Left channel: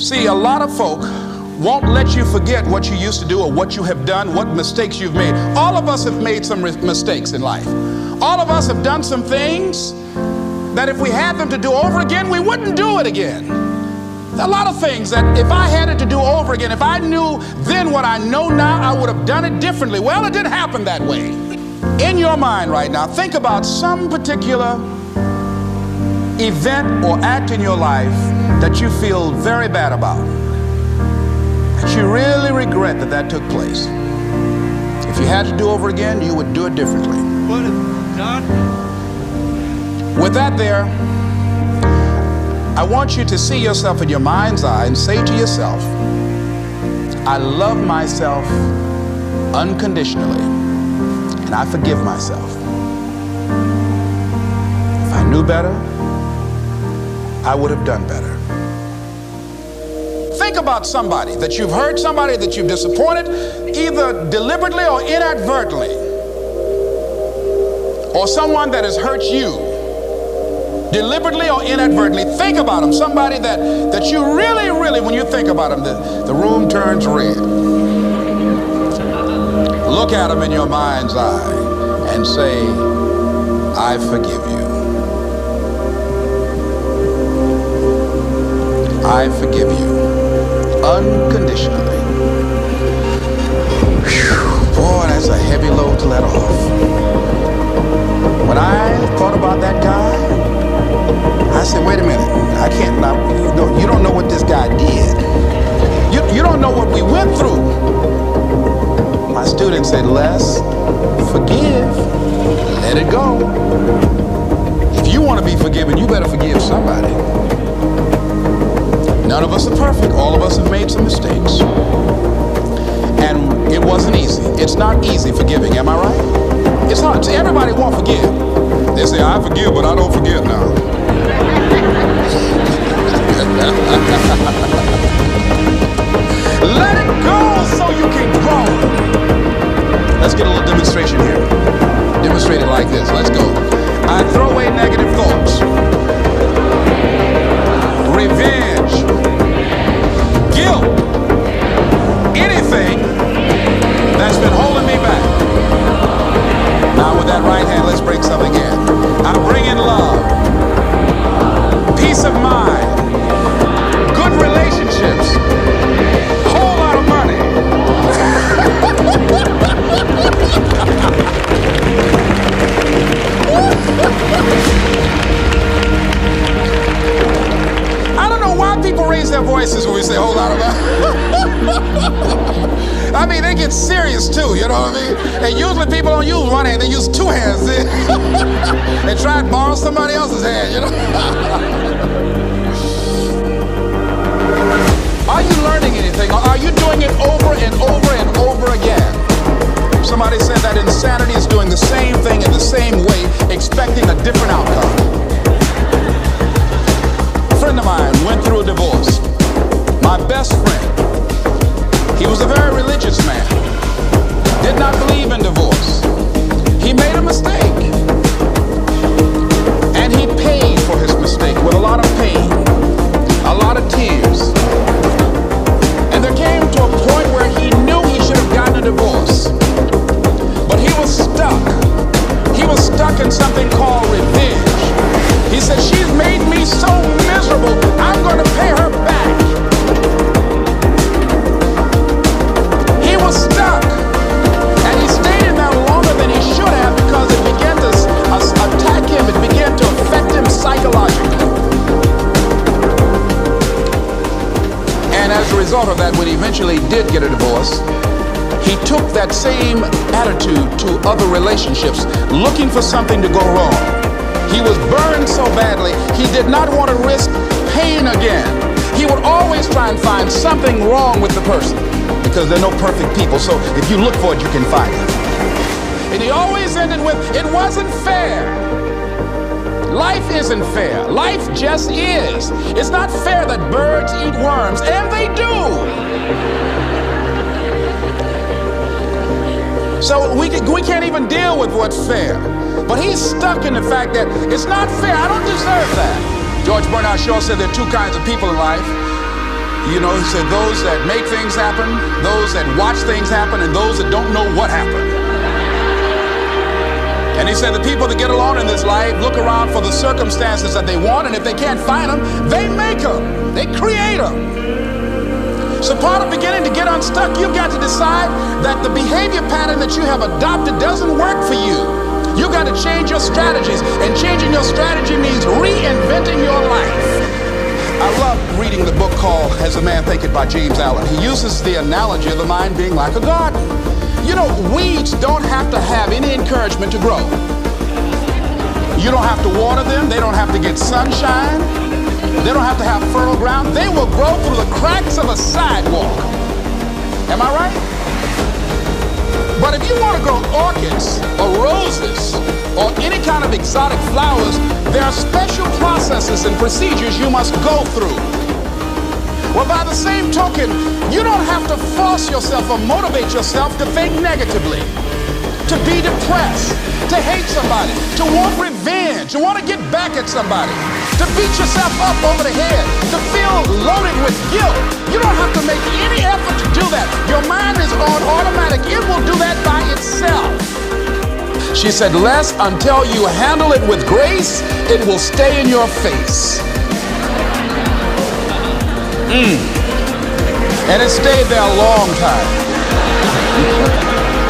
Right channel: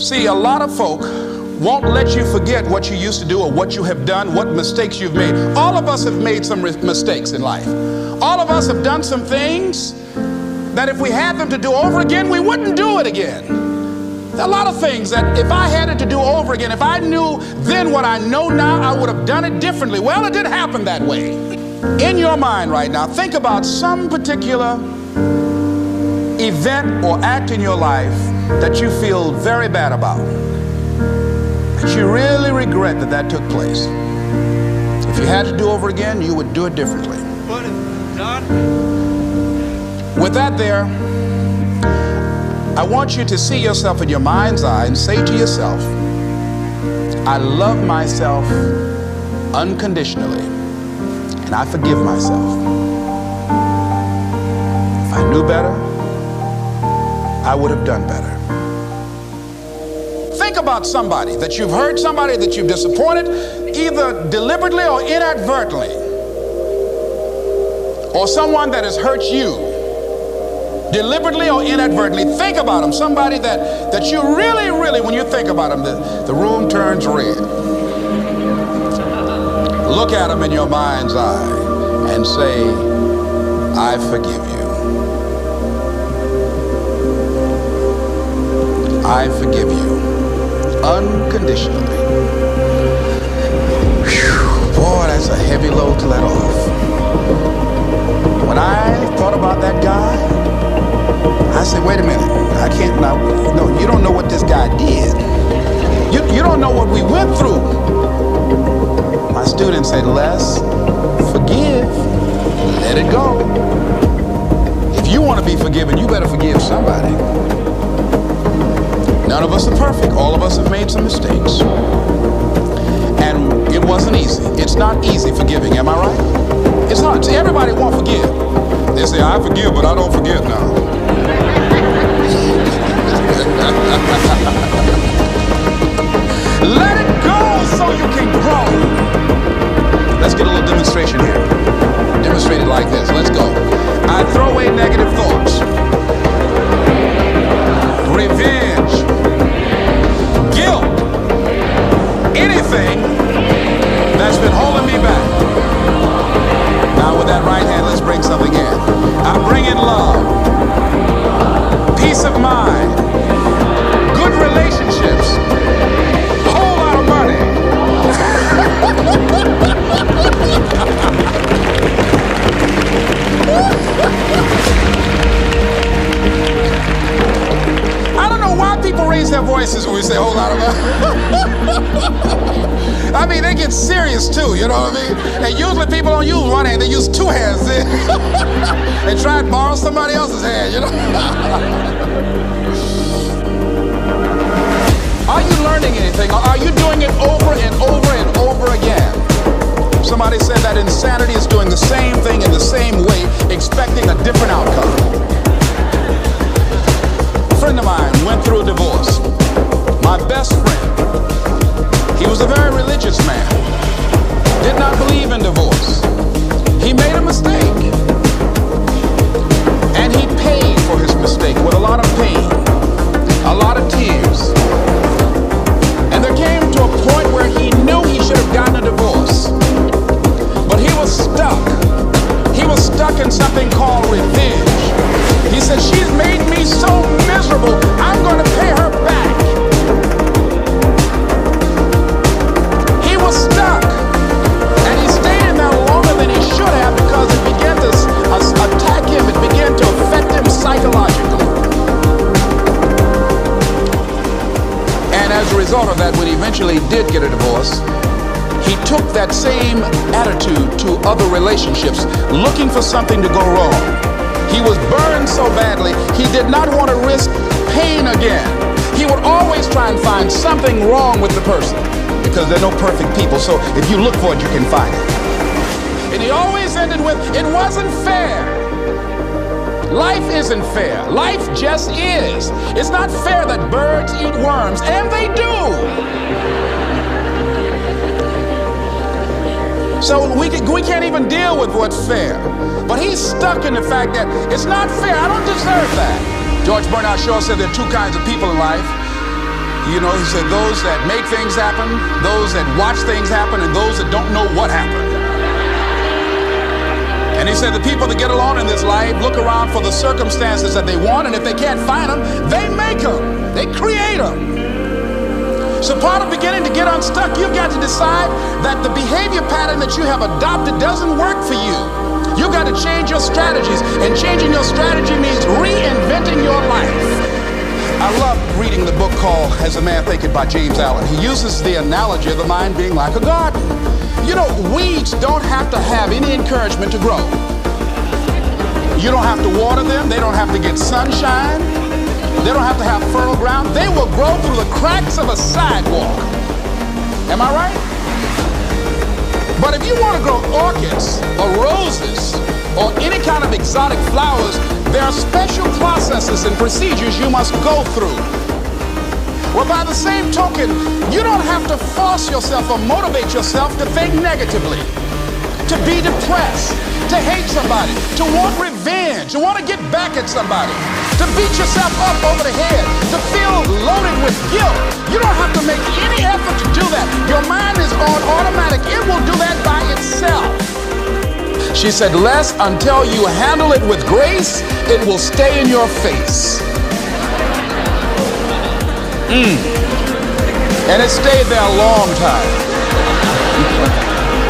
See, a lot of folk won't let you forget what you used to do or what you have done, what mistakes you've made. All of us have made some mistakes in life. All of us have done some things that if we had them to do over again, we wouldn't do it again. There are a lot of things that if I had it to do over again, if I knew then what I know now, I would have done it differently. Well, it didn't happen that way. In your mind right now, think about some particular event or act in your life that you feel very bad about, that you really regret that that took place. If you had to do over again, you would do it differently. What is done? With that there, I want you to see yourself in your mind's eye and say to yourself, I love myself unconditionally and I forgive myself. If I knew better, I would have done better. Think about somebody that you've hurt, somebody that you've disappointed, either deliberately or inadvertently, or someone that has hurt you deliberately or inadvertently. Think about them, somebody that you really, when you think about them, the room turns red. Look at them in your mind's eye and say, I forgive you. I forgive you unconditionally. Whew, boy, that's a heavy load to let off. When I thought about that guy, I said, wait a minute, I can't, no, you don't know what this guy did. You don't know what we went through. My student said, Les, forgive, let it go. If you want to be forgiven, you better forgive somebody. None of us are perfect. All of us have made some mistakes. And it wasn't easy. It's not easy forgiving, am I right? It's hard. Everybody won't forgive. They say, I forgive, but I don't forgive now. Let it go so you can grow. Let's get a little demonstration here. Demonstrate it like this. Let's go. I throw away negative thoughts. Revenge. Guilt. Anything that's been holding me back. Now with that right hand, let's bring something in. I bring in love, peace of mind, good relationships, whole lot of money. I don't know why people raise their voices when we say whole lot of money. I mean, they get serious too, you know what I mean? And usually people don't use one hand, they use two hands. They try and borrow somebody else's hand, you know? Are you learning anything, or are you doing it over and over and over again? Somebody said that insanity is doing the same thing in the same way, expecting a different outcome. A friend of mine went through a divorce. My best friend. He was a very religious man, did not believe in divorce. He made a mistake, and he paid for his mistake with a lot of pain, a lot of tears. And there came to a point where he knew he should have gotten a divorce, but he was stuck. He was stuck in something called revenge. He said, she's made me so miserable, I'm going to pay her back. Was stuck, and he stayed in there longer than he should have because it began to attack him. It began to affect him psychologically. And as a result of that, when he eventually did get a divorce, he took that same attitude to other relationships, looking for something to go wrong. He was burned so badly, he did not want to risk pain again. He would always try and find something wrong with the person, because there are no perfect people, so if you look for it, you can find it. And he always ended with, it wasn't fair. Life isn't fair. Life just is. It's not fair that birds eat worms, and they do. So we can't even deal with what's fair. But he's stuck in the fact that it's not fair. I don't deserve that. George Bernard Shaw said there are two kinds of people in life. You know, he said, those that make things happen, those that watch things happen, and those that don't know what happened. And he said the people that get along in this life look around for the circumstances that they want, and if they can't find them, they make them. They create them. So part of beginning to get unstuck, you've got to decide that the behavior pattern that you have adopted doesn't work for you. You've got to change your strategies, and changing your strategy means reinventing your life. I love reading the book called As a Man Thinketh by James Allen. He uses the analogy of the mind being like a garden. You know, weeds don't have to have any encouragement to grow. You don't have to water them. They don't have to get sunshine. They don't have to have fertile ground. They will grow through the cracks of a sidewalk. Am I right? But if you want to grow orchids or roses or any kind of exotic flowers, there are special processes and procedures you must go through. Well, by the same token, you don't have to force yourself or motivate yourself to think negatively, to be depressed, to hate somebody, to want revenge, to want to get back at somebody, to beat yourself up over the head, to feel loaded with guilt. You don't have to make any effort to do that. Your mind is on automatic. It will do that by itself. She said, lest until you handle it with grace, it will stay in your face. And it stayed there a long time.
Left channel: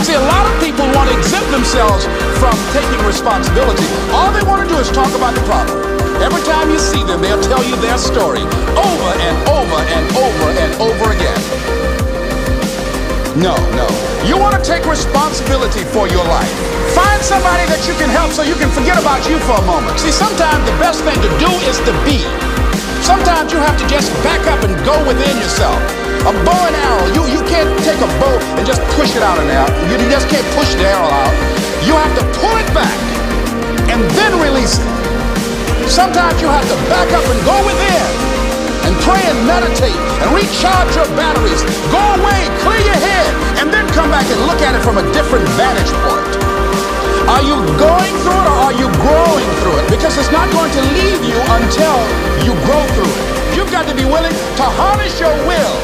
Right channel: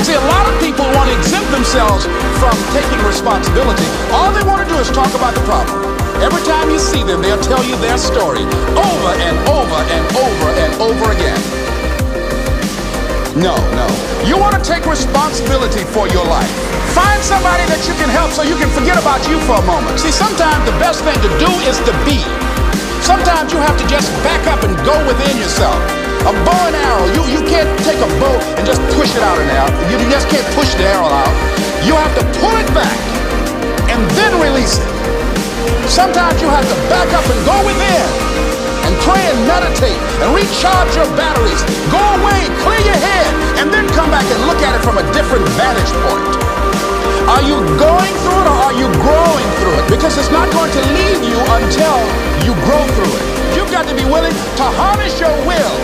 See, a lot of people want to exempt themselves from taking responsibility. All they want to do is talk about the problem. Every time you see them, they'll tell you their story over and over and over and over again. No. You want to take responsibility for your life. Find somebody that you can help so you can forget about you for a moment. See, sometimes the best thing to do is to be. Sometimes you have to just back up and go within yourself. A bow and arrow, you can't take a bow and just push it out in there. You just can't push the arrow out. You have to pull it back and then release it. Sometimes you have to back up and go within and pray and meditate and recharge your batteries. Go away, clear your head, and then come back and look at it from a different vantage point. Are you going through it or are you growing through it? Because it's not going to leave you until you grow through it. You've got to be willing to harness your will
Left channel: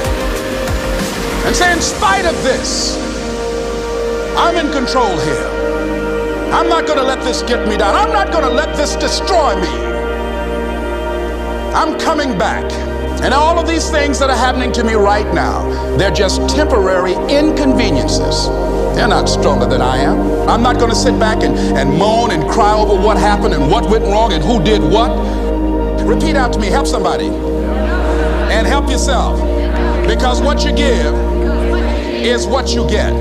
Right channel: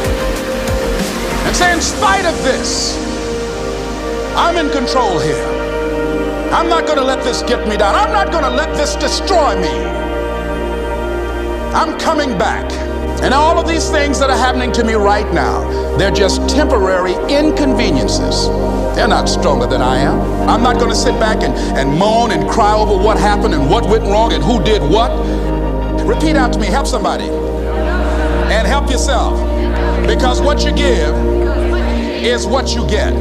and say, in spite of this, I'm in control here. I'm not going to let this get me down. I'm not going to let this destroy me. I'm coming back. And all of these things that are happening to me right now, they're just temporary inconveniences. They're not stronger than I am. I'm not going to sit back and moan and cry over what happened and what went wrong and who did what. Repeat out to me, help somebody. And help yourself. Because what you give is what you get.